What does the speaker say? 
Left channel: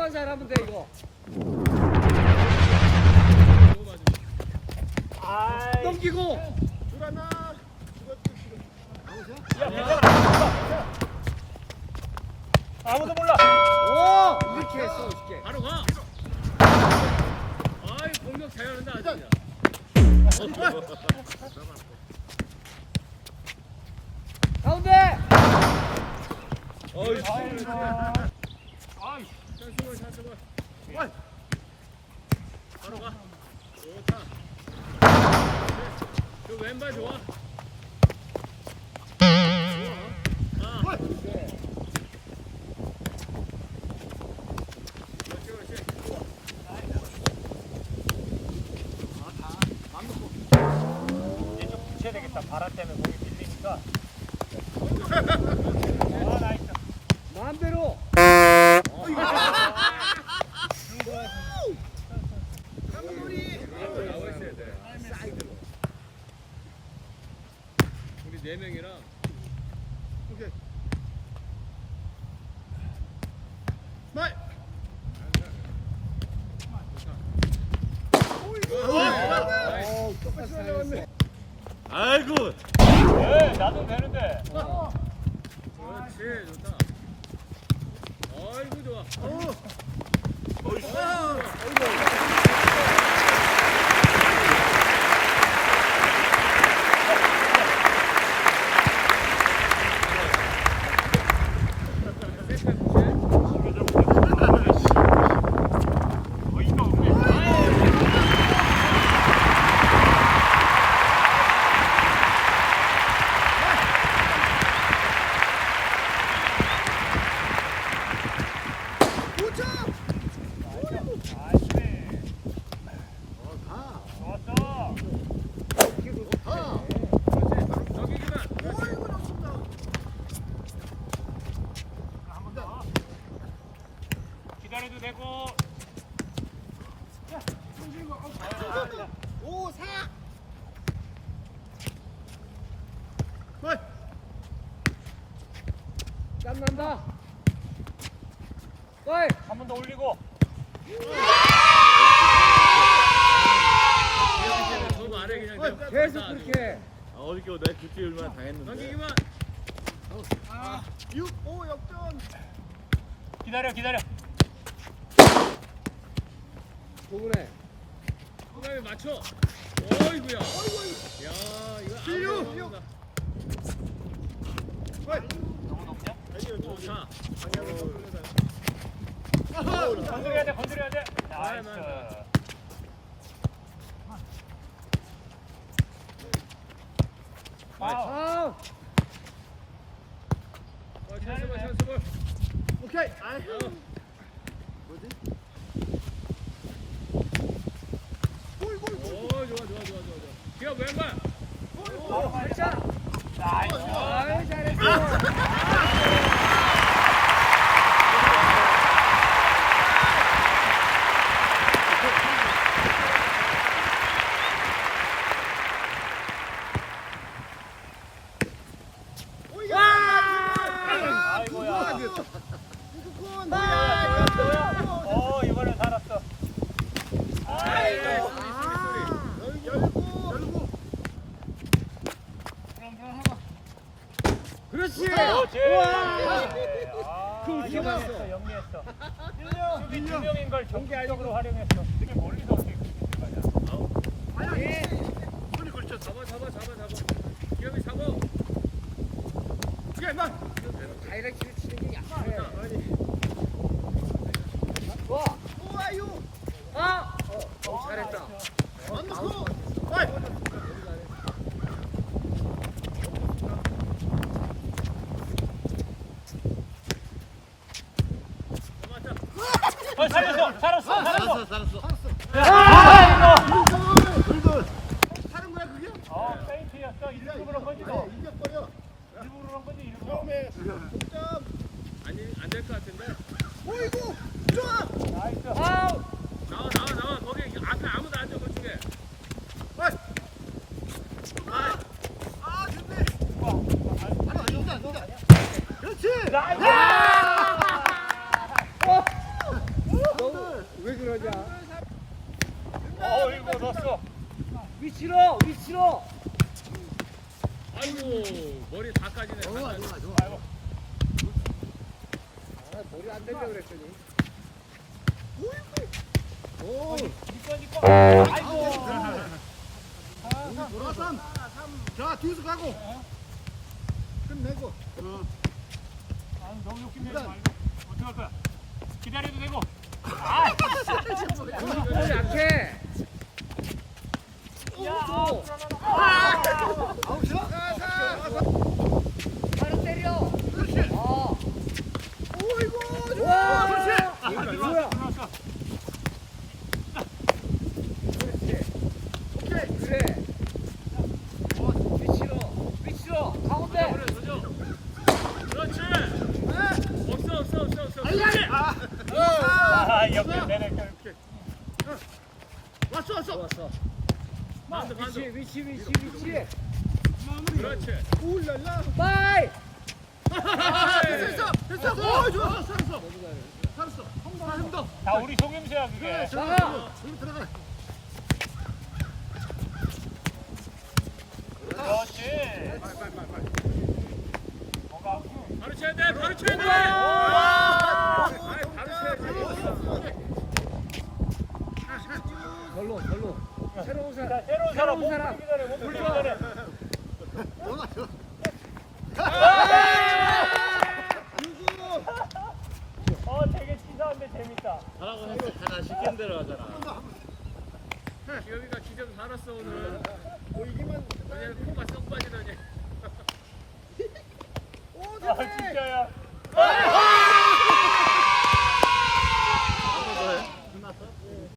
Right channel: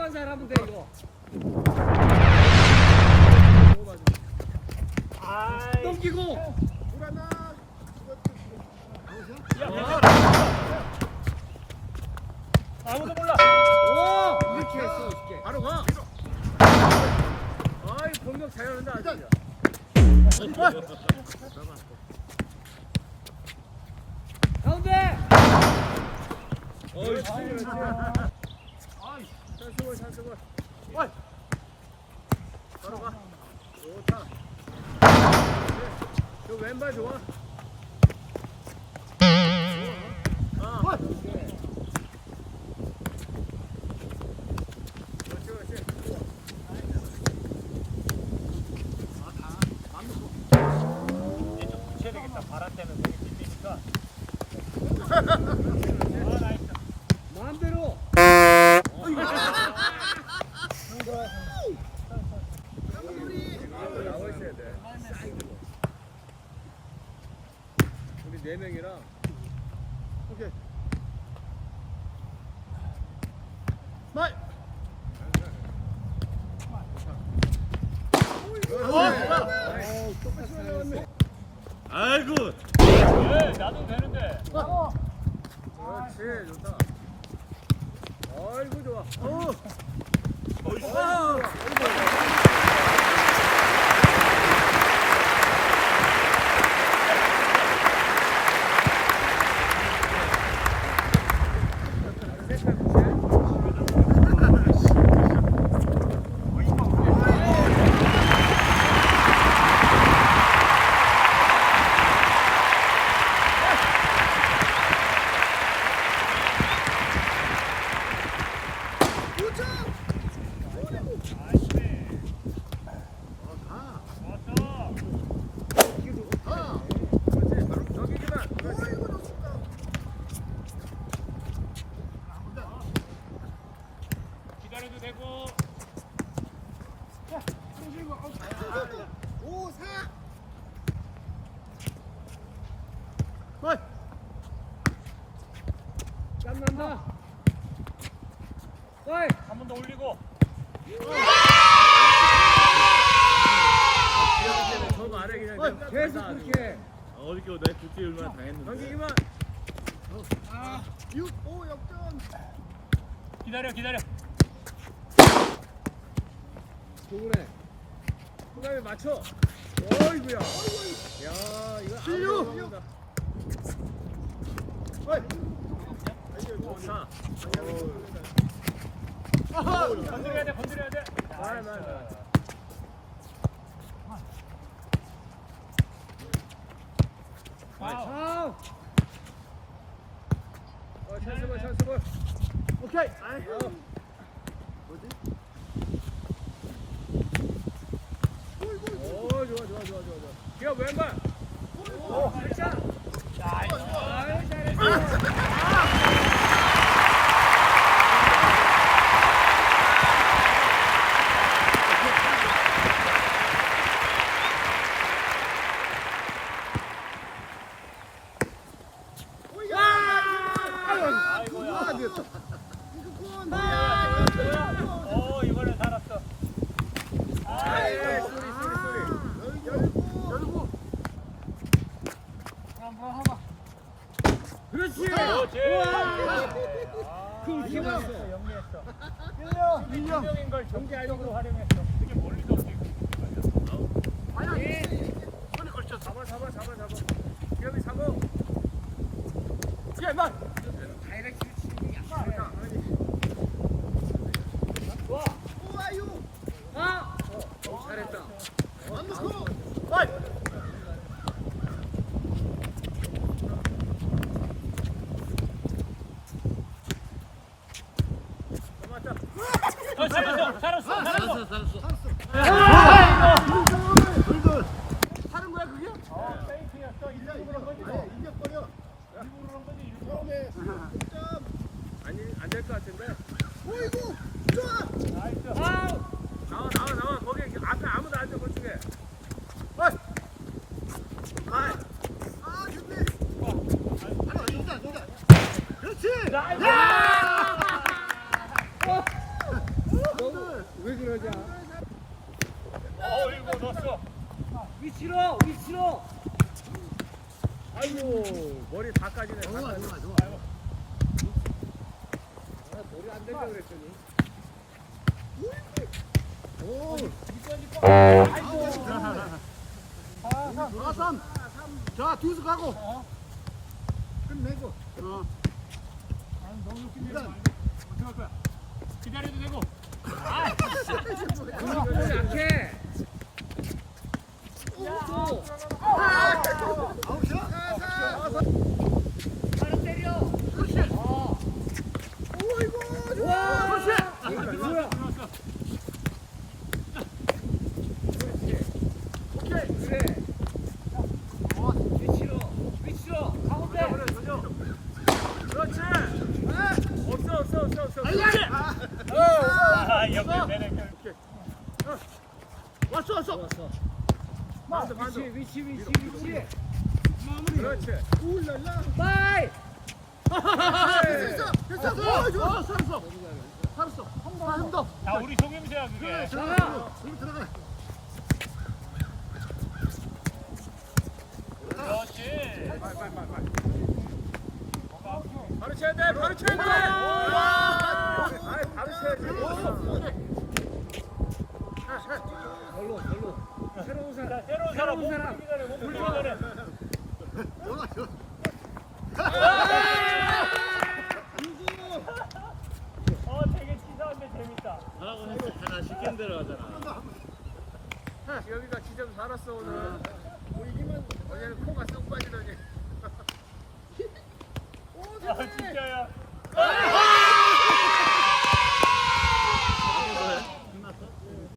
수비만 잘하면 돼 이거. 넘기고. 돌아나. 아무도 몰라. 오 이렇게 했어 이렇게. 바로 가. 아이 공격 잘하는데 아직이야. 가운데. 그렇지 그렇지. 아이 잘 쓰고. 바로 가. 좋다. 저 왼발 좋아. 아. 그렇지. 붙여야 되겠다. 바람 때문에 공이 밀리니까. 마음대로. 나와 있어야 돼. 우리 4명이랑 오케이. 말. 아이고. 예, 나도 되는데. 그렇지, 좋다. 아이고 좋아. 기다려도 되고. 오, 4. 말. 짠난다. 어이. 한 번 더 올리고. 저 말에 그냥 계속 그렇게. 어저께 내 굿즈 얼마나 당했는데. 넘기기만. 6, 5 역전. 기다려. 도구네. 그다음에 맞춰. 어이구야. 야, 이거 아무나 먹는다. 좋다. 건드려야 돼. 나이스. 아. 찬스 볼. 오케이. 오, 좋아. 기가 왼발. 이번엔 살았어. 쏘리. 열고. 그렇지. 영리했어. 민영인 걸 적극적으로 활용했어. 되게 멀리서 어떻게 손이 걸쳐. 잡아. 기업이 잡아. 야, 말. 다이렉트를 치는 게 약해. 좋아. 오, 아유. 잘했다. 살았어. 하는 거야, 그게? 세이프였어. 일부러 그런 거지 너. 이게 버려. 일부러 그런 거지 일부러. 처음에 득점. 아니 안 될 것 같은데. 오이고. 좋아. 나와. 거기 앞에 아무도 안 줘 그쪽에. 좋네. 그렇지. 위치로 위치로. 아이고 머리 다 까지네. 다 까지. 머리 안 된다 그랬더니. 오. 아이고. 돌아선. 자, 두수 가고. 끝내고. 너무 욕심 내지 말고. 어떻게 할 거야? 기다려도 되고. 머리 약해. 바로 때려. 오이고. 좋아. 와. 그렇지. 뭐야? 그래. 위치로 위치로 가운데. 그래 도저. 그렇지. 없어. 그렇지. 왔어. 좋았어. 반도. 위치. 마무리. 그렇지. 울랄라. 빠이. 됐어. 오, 좋아. 살았어. 한 더. 아 우리 속임새야 그게. 나가. 그렇지. 바로 쳐야 돼. 바로 쳐야 돼. 바로 쳐야지. 별로. 새로운 사람. 새로운 사람 못 올리기 전에. 되게 치사한데 재밌다. 시킨 대로 하잖아. 기업이가 진짜 살았어 오늘. 어제는 코가 썩 빠지더니. 진짜야.